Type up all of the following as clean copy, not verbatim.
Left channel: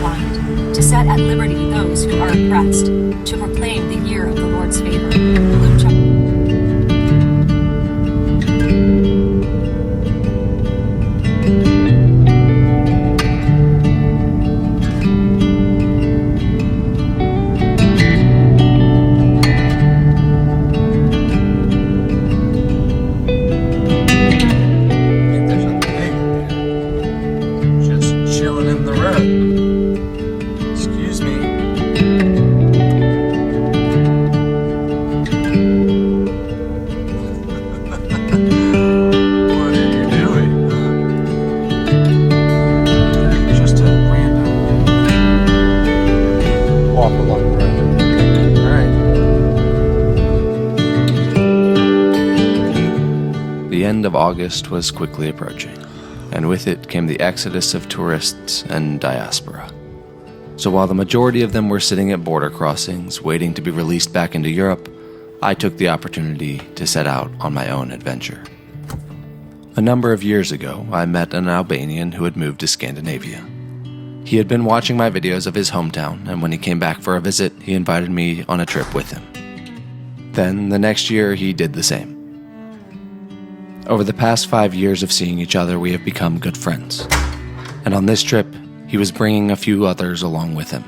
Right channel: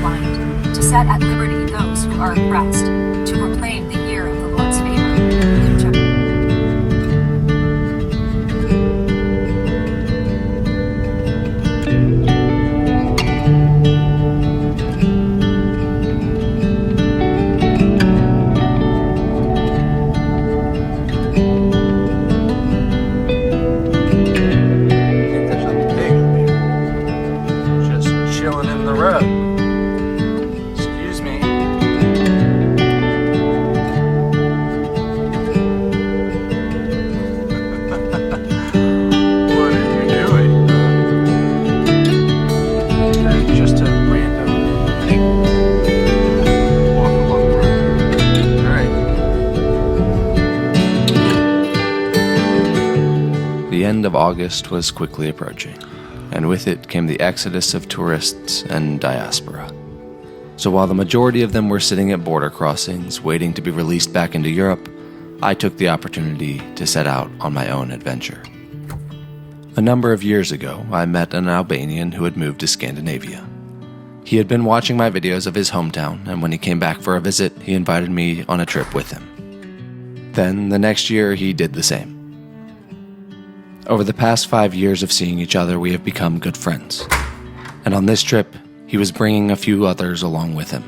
mind, to set at liberty those who are oppressed, to proclaim the year of the Lord's favor. Luke chapter The end of August was quickly approaching, and with it came the exodus of tourists and diaspora. So while the majority of them were sitting at border crossings waiting to be released back into Europe, I took the opportunity to set out on my own adventure. A number of years ago, I met an Albanian who had moved to Scandinavia. He had been watching my videos of his hometown, and when he came back for a visit, he invited me on a trip with him. Then, the next year, he did the same. Over the past 5 years of seeing each other, we have become good friends. And on this trip, he was bringing a few others along with him.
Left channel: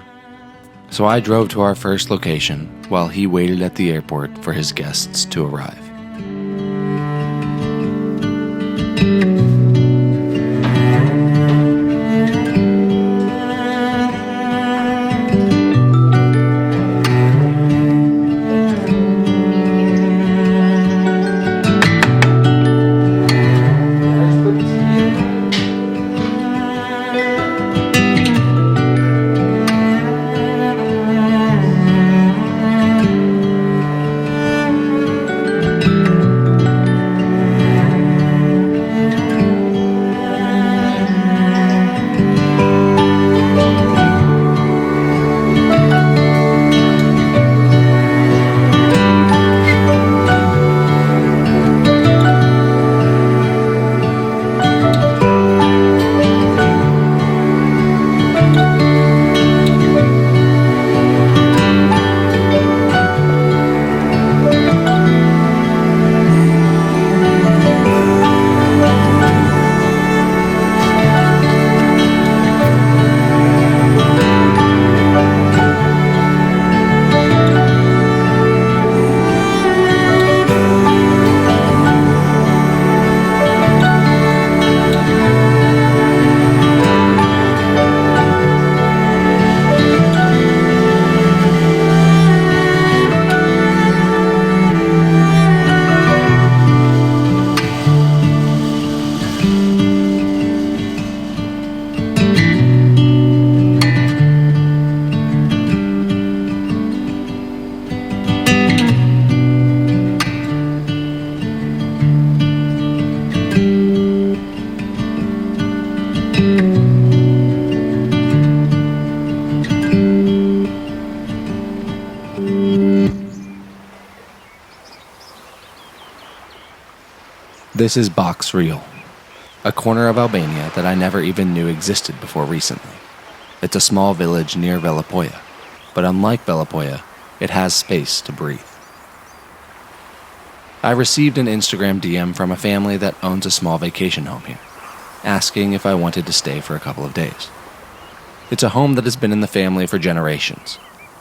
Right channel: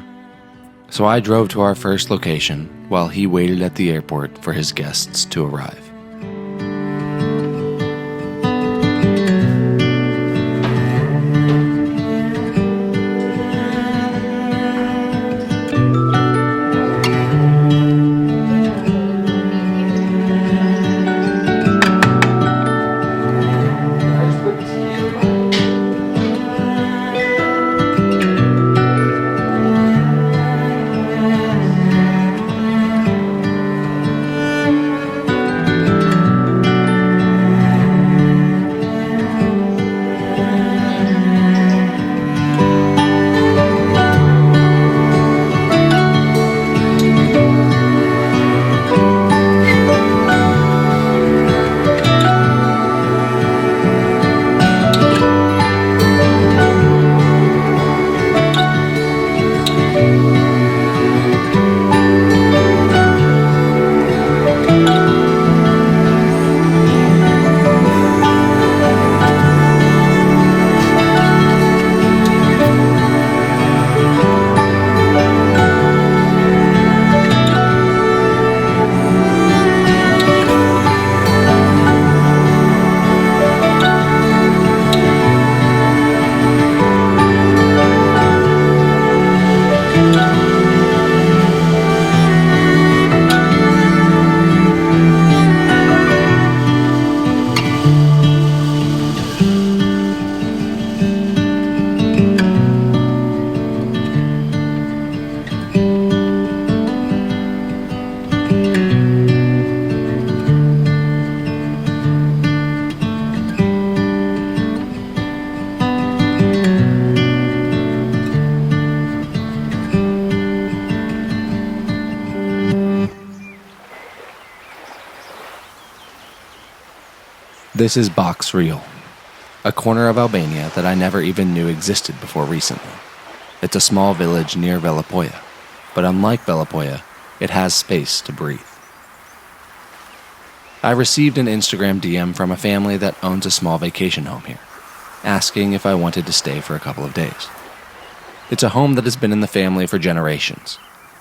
So I drove to our first location while he waited at the airport for his guests to arrive. This is Baks-Rrjoll, a corner of Albania that I never even knew existed before recently. It's a small village near Velapoja, but unlike Velapoja, it has space to breathe. I received an Instagram DM from a family that owns a small vacation home here, asking if I wanted to stay for a couple of days. It's a home that has been in the family for generations,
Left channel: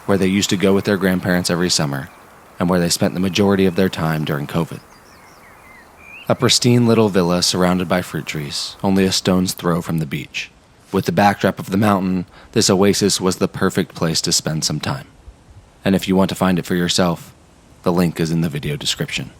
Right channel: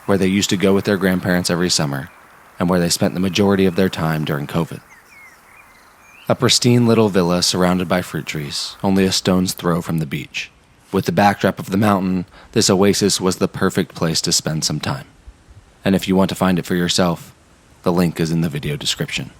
where they used to go with their grandparents every summer, and where they spent the majority of their time during COVID. A pristine little villa surrounded by fruit trees, only a stone's throw from the beach. With the backdrop of the mountain, this oasis was the perfect place to spend some time. And if you want to find it for yourself, the link is in the video description.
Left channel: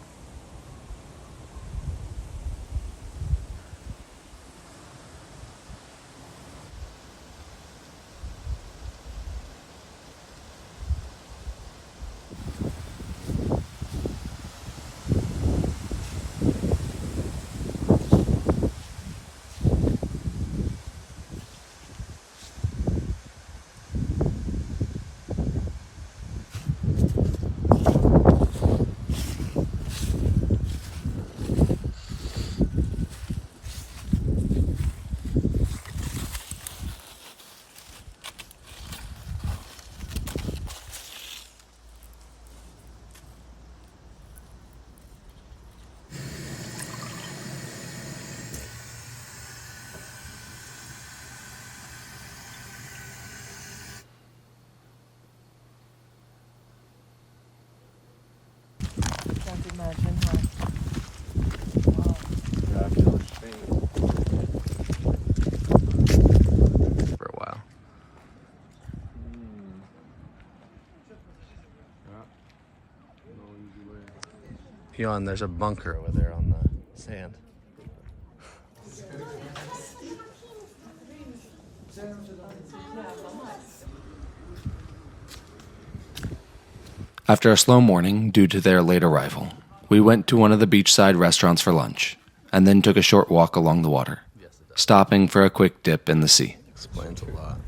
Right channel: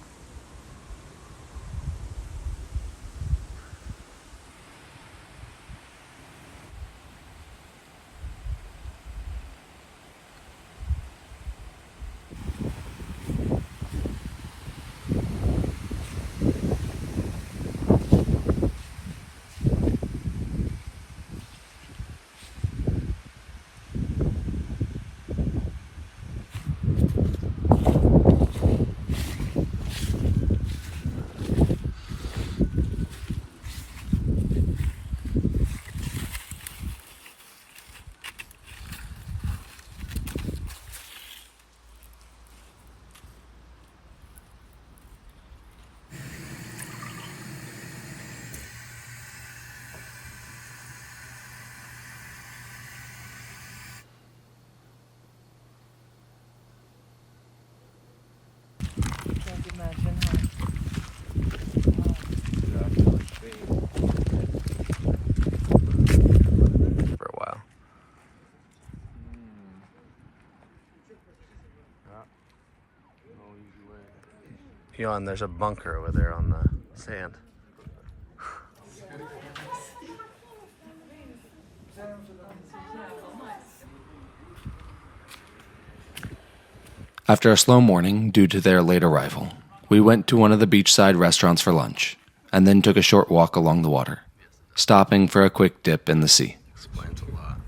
Jan, there's a bunker over there on the sand. After a slow morning due to their late arrival, we went to one of the beachside restaurants for lunch, and then took a short walk along the water, stopping for a quick dip in the sea. Explains a lot.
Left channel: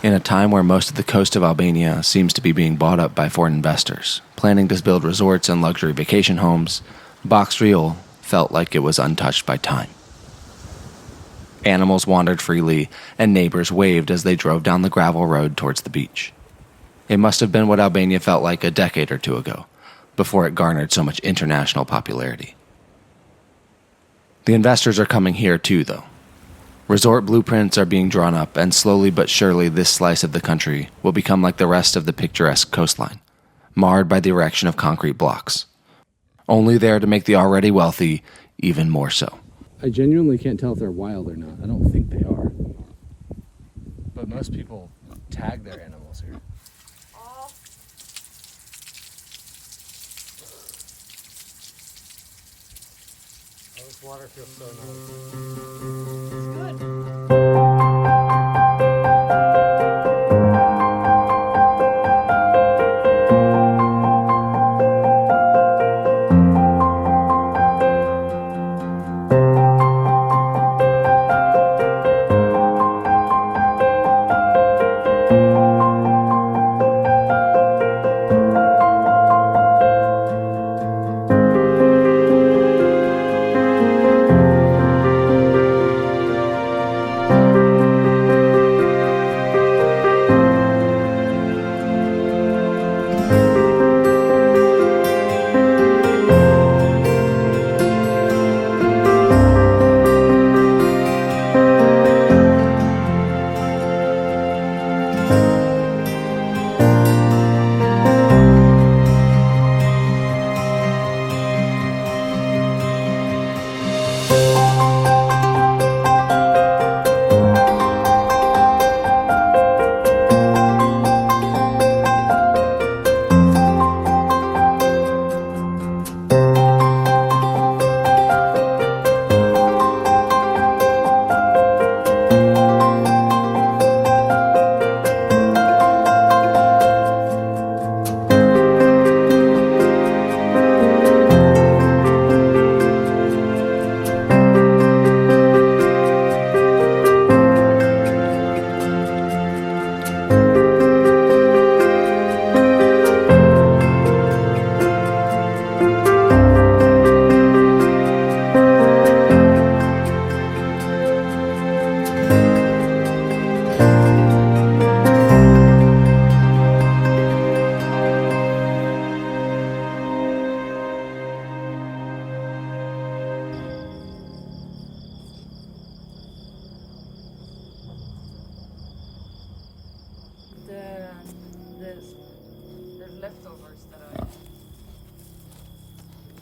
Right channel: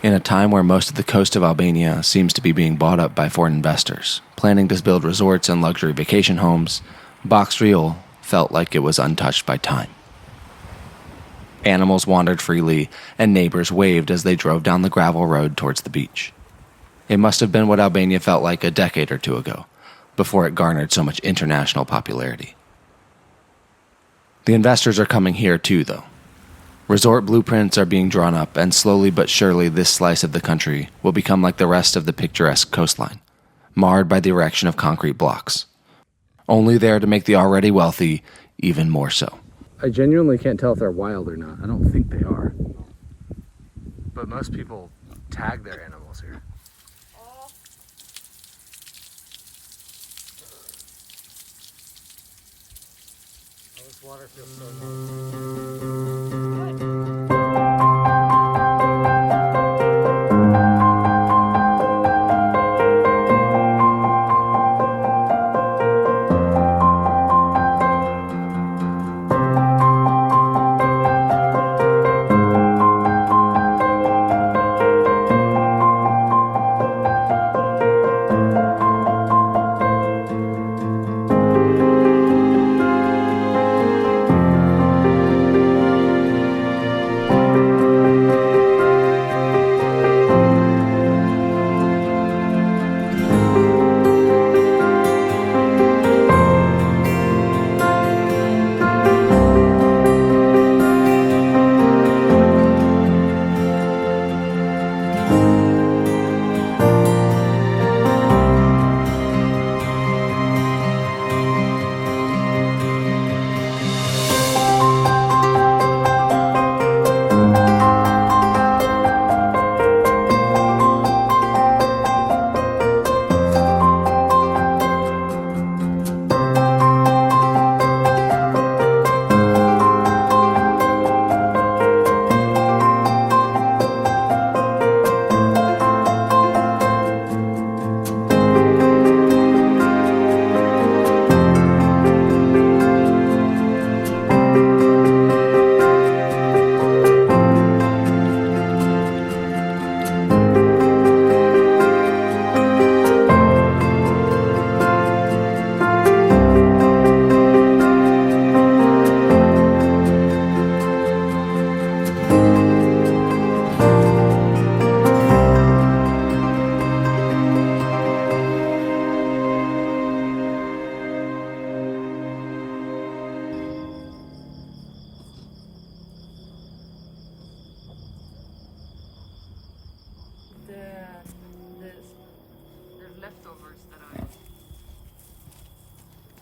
In a time where most of the coast of Albania seems to be being bought up by foreign investors, planning to build resorts and luxury vacation homes, Baks-Rrjoll felt like it was untouched by time. Animals wandered freely, and neighbors waved as they drove down the gravel road towards the beach. It must have been what Albania felt like a decade or two ago, before it garnered so much international popularity. The investors are coming here too, though. Resort blueprints are being drawn up, and slowly but surely this slice of the country will become like the rest of the picturesque coastline, marred by the erection of concrete blocks, only there to make the already wealthy even more so. I genuinely can't tell if they're wild or not. I don't think they are. But most people tag their animals here. Oh, this water feels so nice.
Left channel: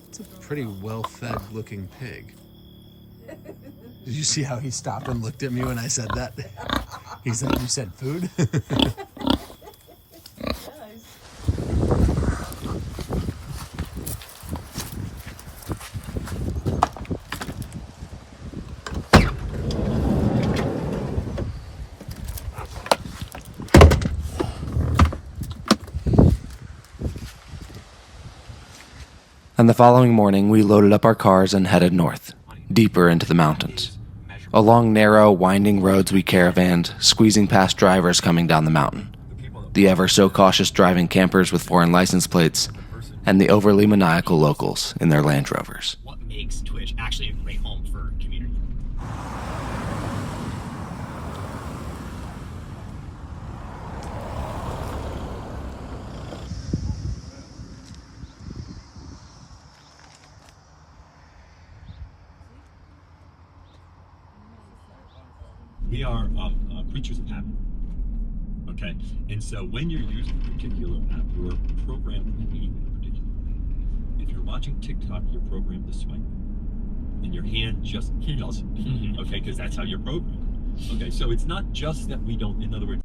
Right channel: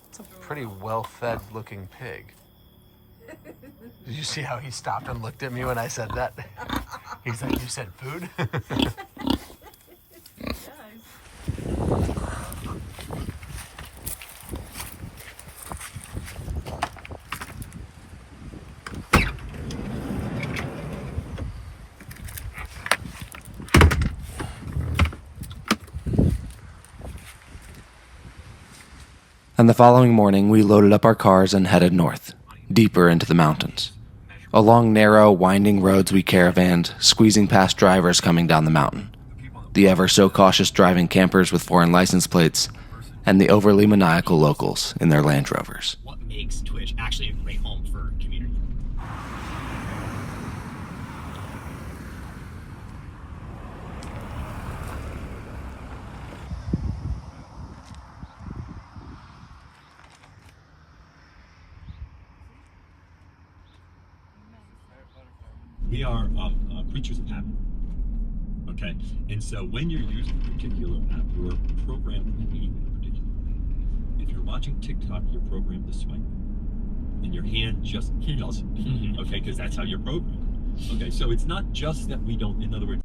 It's a pretty well-fed looking pig. Did you see how he stopped and looked at me when I said that? He said, "You said food?" And the following morning, we loaded up our cars and headed north, deeper into the mountains. Along narrow, winding roads we caravanned, squeezing past drivers coming down the mountain, the ever-so-cautious driving campers with foreign license plates, and the overly maniacal locals in their Land Rovers. What makes Twitch actually a great home for community? We are creatures of habit, okay? And so when you're using a particular app, you're programmed to behave in a particular way. if you're watching TikTok, you're programmed to swipe. And your hand just does it. Okay, because that's how you're programmed. Okay, so it's not just that we don't, in other words,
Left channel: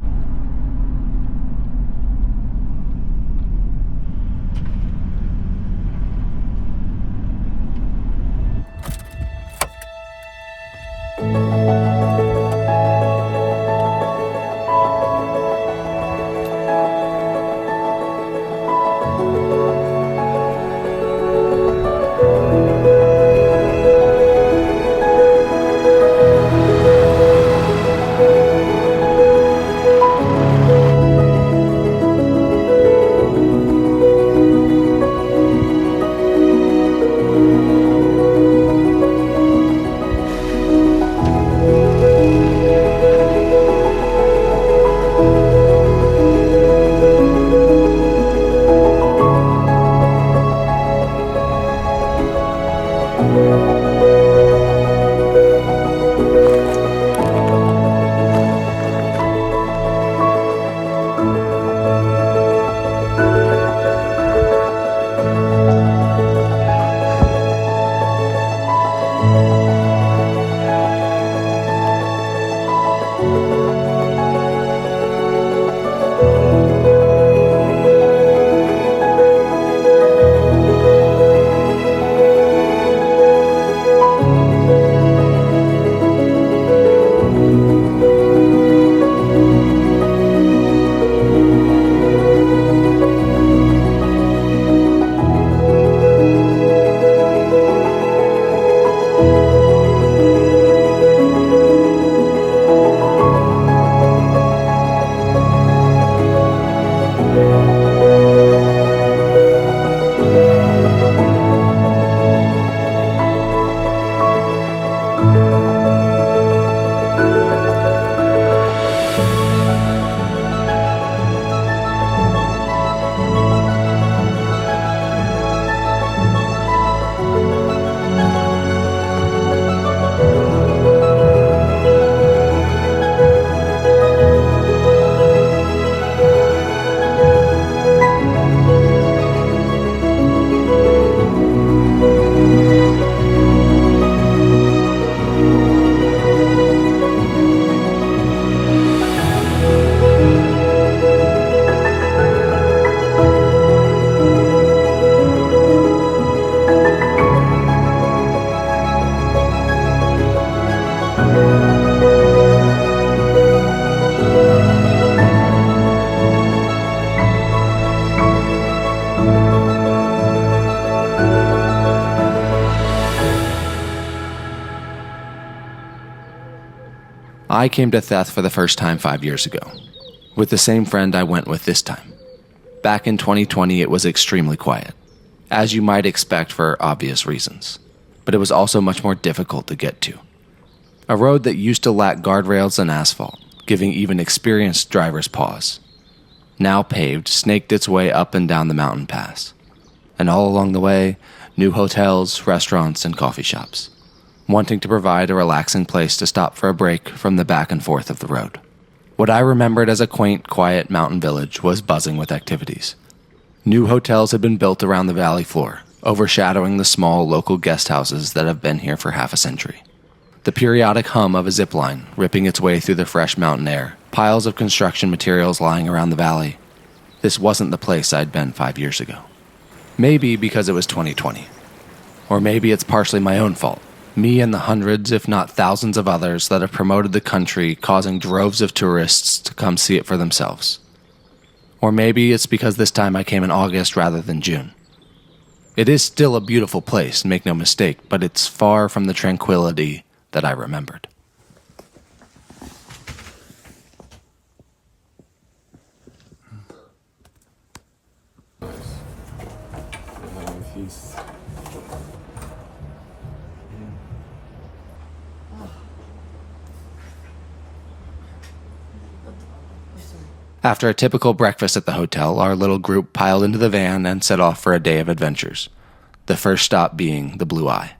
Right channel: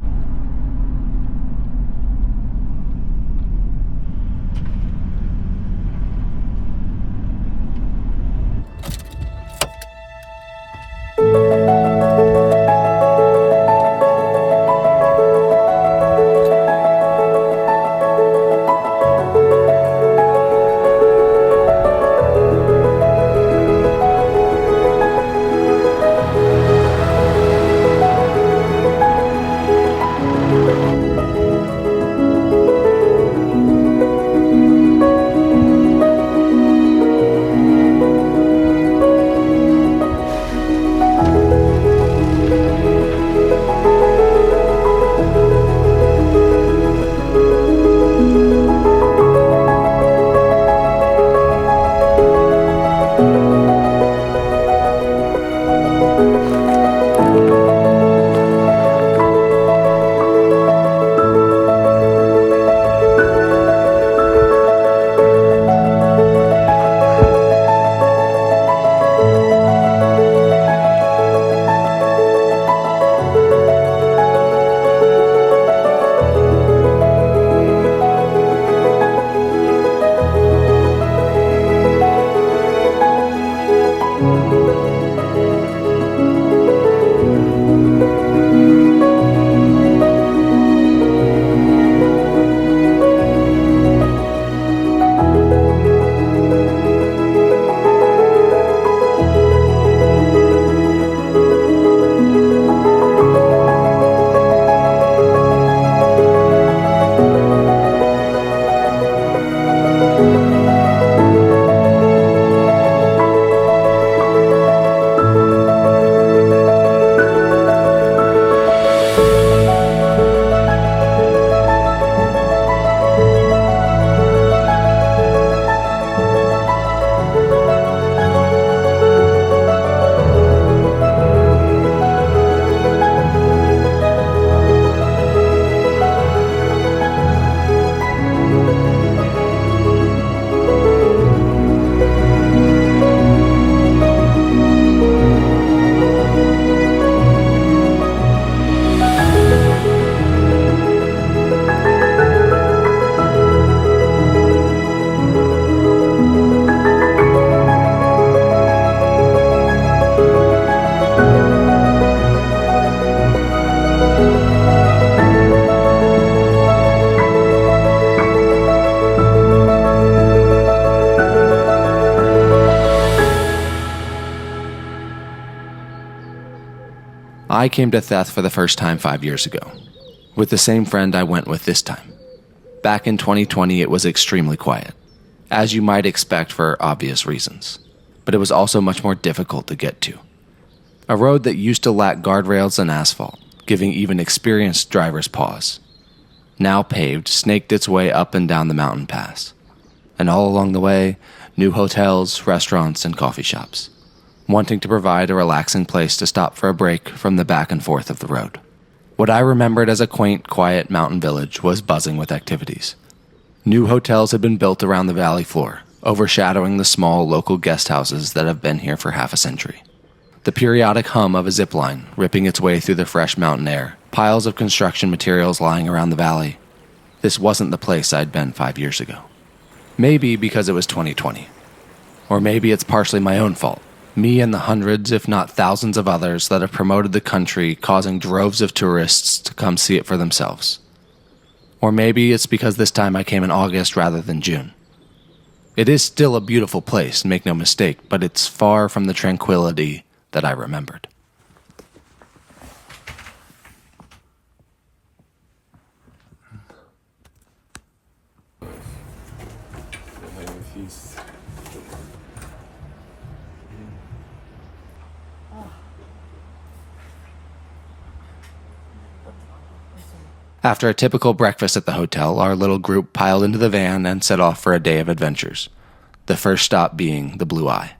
I came to Theth for the first time 5 years ago, with the same friend I went with this time. Back in 2020, it was extremely quiet, as you might expect for obvious reasons, but it was also much more difficult to get to. A road that used to lack guardrails and asphalt, giving even experienced drivers pause, now paved, snaked its way up and down the mountain pass. And all along the way, new hotels, restaurants, and coffee shops, wanting to provide a relaxing place to stop for a break from the back and forth of the road. What I remembered as a quaint, quiet mountain village was buzzing with activities. New hotels had been built around the valley floor, overshadowing the small local guest houses that have been here for half a century. The periodic hum of a zip line ripping its way through the fresh mountain air, piles of construction materials lying around the valley. This wasn't the place I'd been 5 years ago. Maybe because it was 2020. Or maybe it's partially my own fault. Me and the hundreds, if not thousands of others that have promoted the country, causing droves of tourists to come see it for themselves. Or maybe it's because this time I came in August rather than June. It is still a beautiful place, make no mistake, but it's far from the tranquility that I remembered. After a typical breakfast at the hotel, our little group piled into the van and set off for a day of adventures, the first stop being the Blue Eye.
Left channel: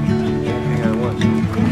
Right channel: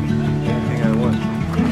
Anything I want.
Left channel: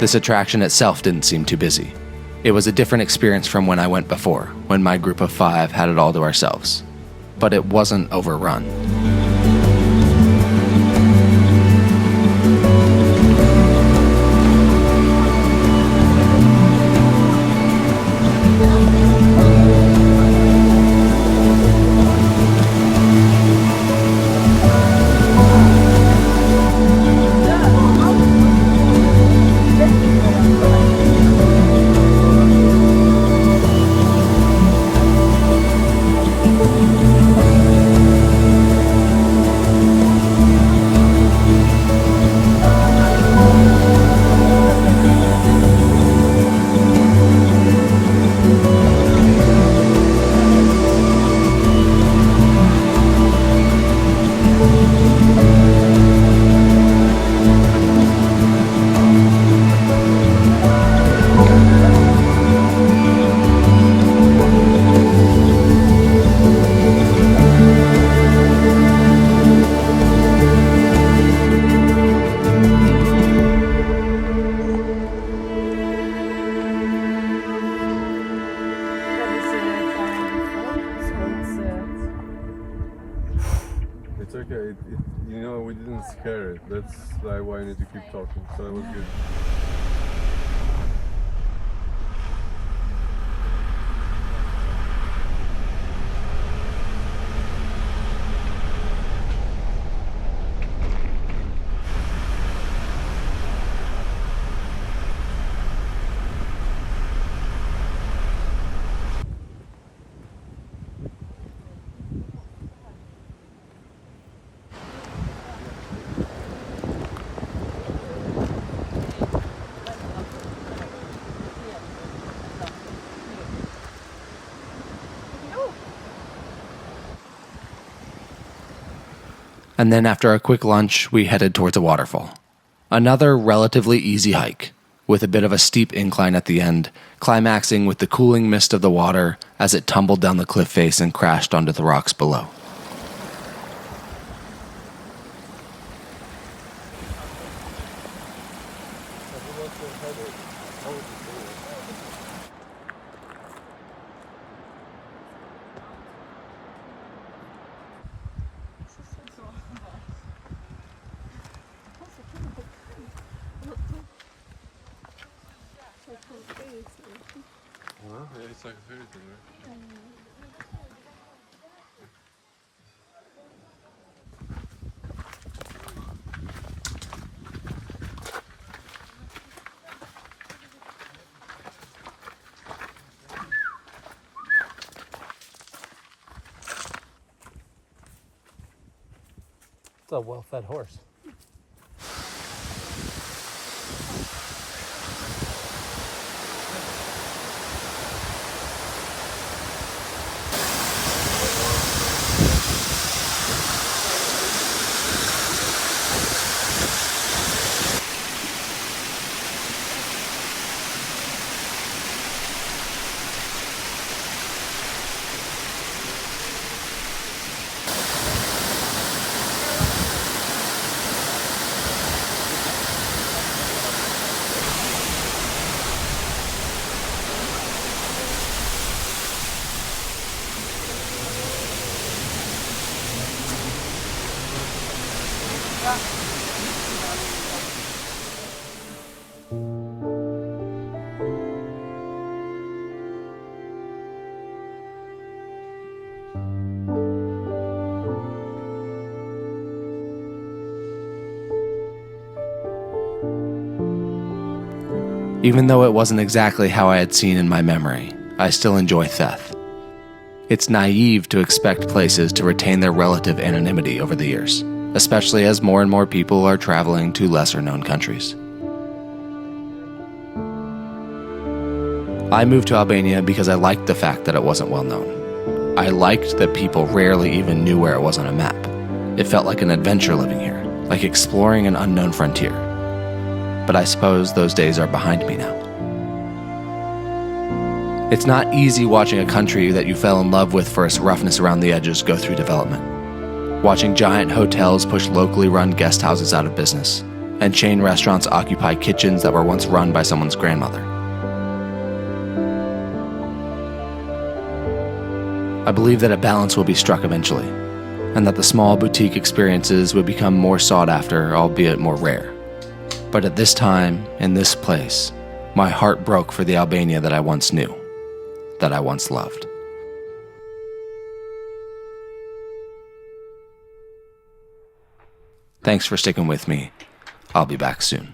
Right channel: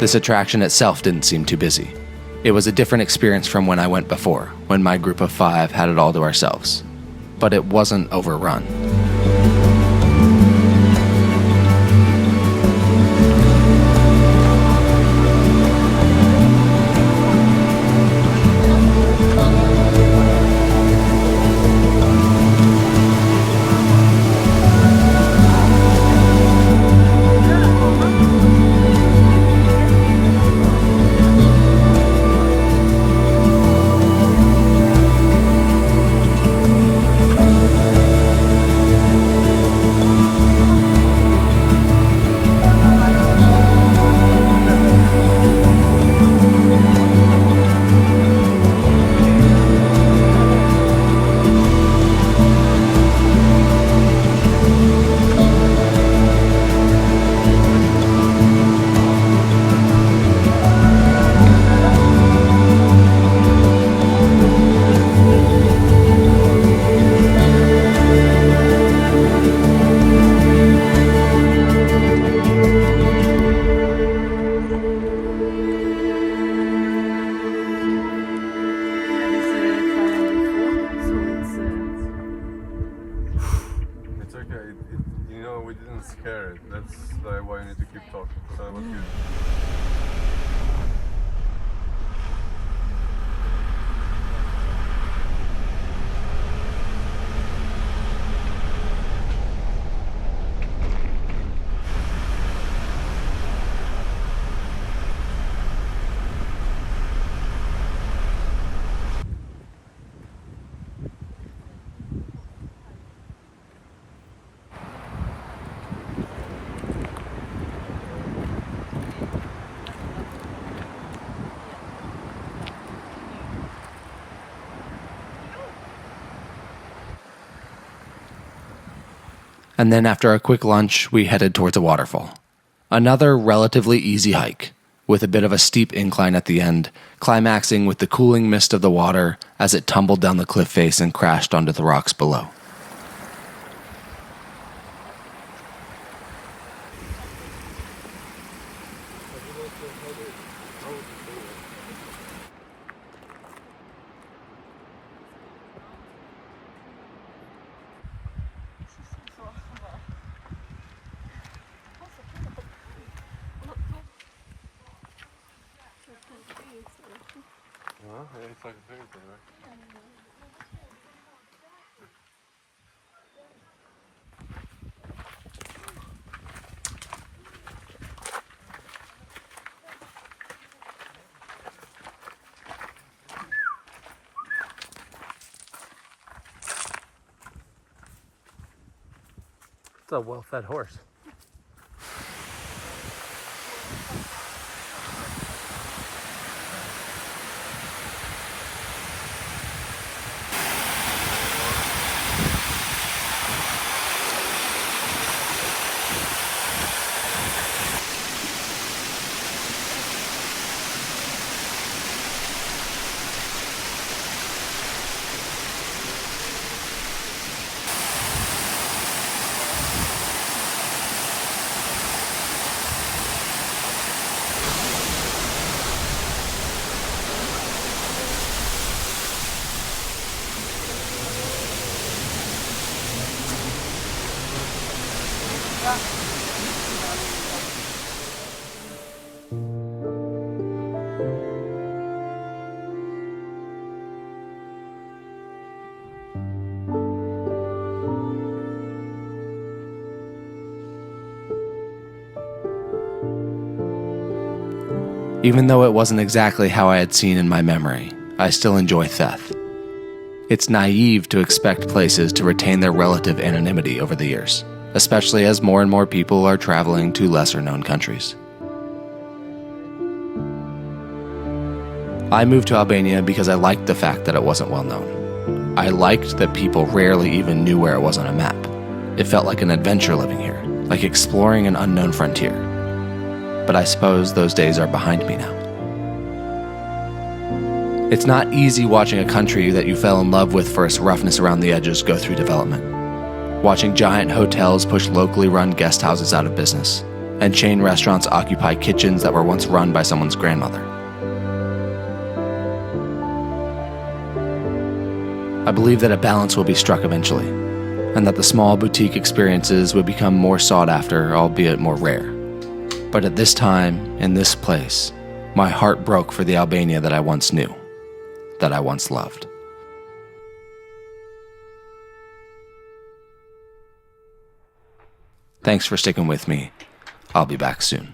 This attraction itself didn't seem too busy. It was a different experience from when I went before, when my group of 5 had it all to ourselves. But it wasn't overrun. We didn't scare it. That's why I need to keep talking. So it was good. And then after a quick lunch, we headed towards a waterfall. Another relatively easy hike, with a bit of a steep incline at the end, climaxing with the cooling mist of the water as it tumbled down the cliff face and crashed onto the rocks below. It's like a fairy tale, right? It's a well-fed horse. Even though it wasn't exactly how I had seen in my memory, I still enjoy Theth. It's naive to expect places to retain their relative anonymity over the years, especially as more and more people are traveling to lesser-known countries. I moved to Albania because I liked the fact that it wasn't well known. I liked that people rarely even knew where it was on a map. It felt like an adventure living here, like exploring an unknown frontier. But I suppose those days are behind me now. It's not easy watching a country that you fell in love with for its roughness around the edges go through development. Watching giant hotels push locally run guest houses out of business, and chain restaurants occupy kitchens that were once run by someone's grandmother. I believe that a balance will be struck eventually, and that the small boutique experiences would become more sought after, albeit more rare. But at this time, in this place, my heart broke for the Albania that I once knew, that I once loved. Thanks for sticking with me. I'll be back soon.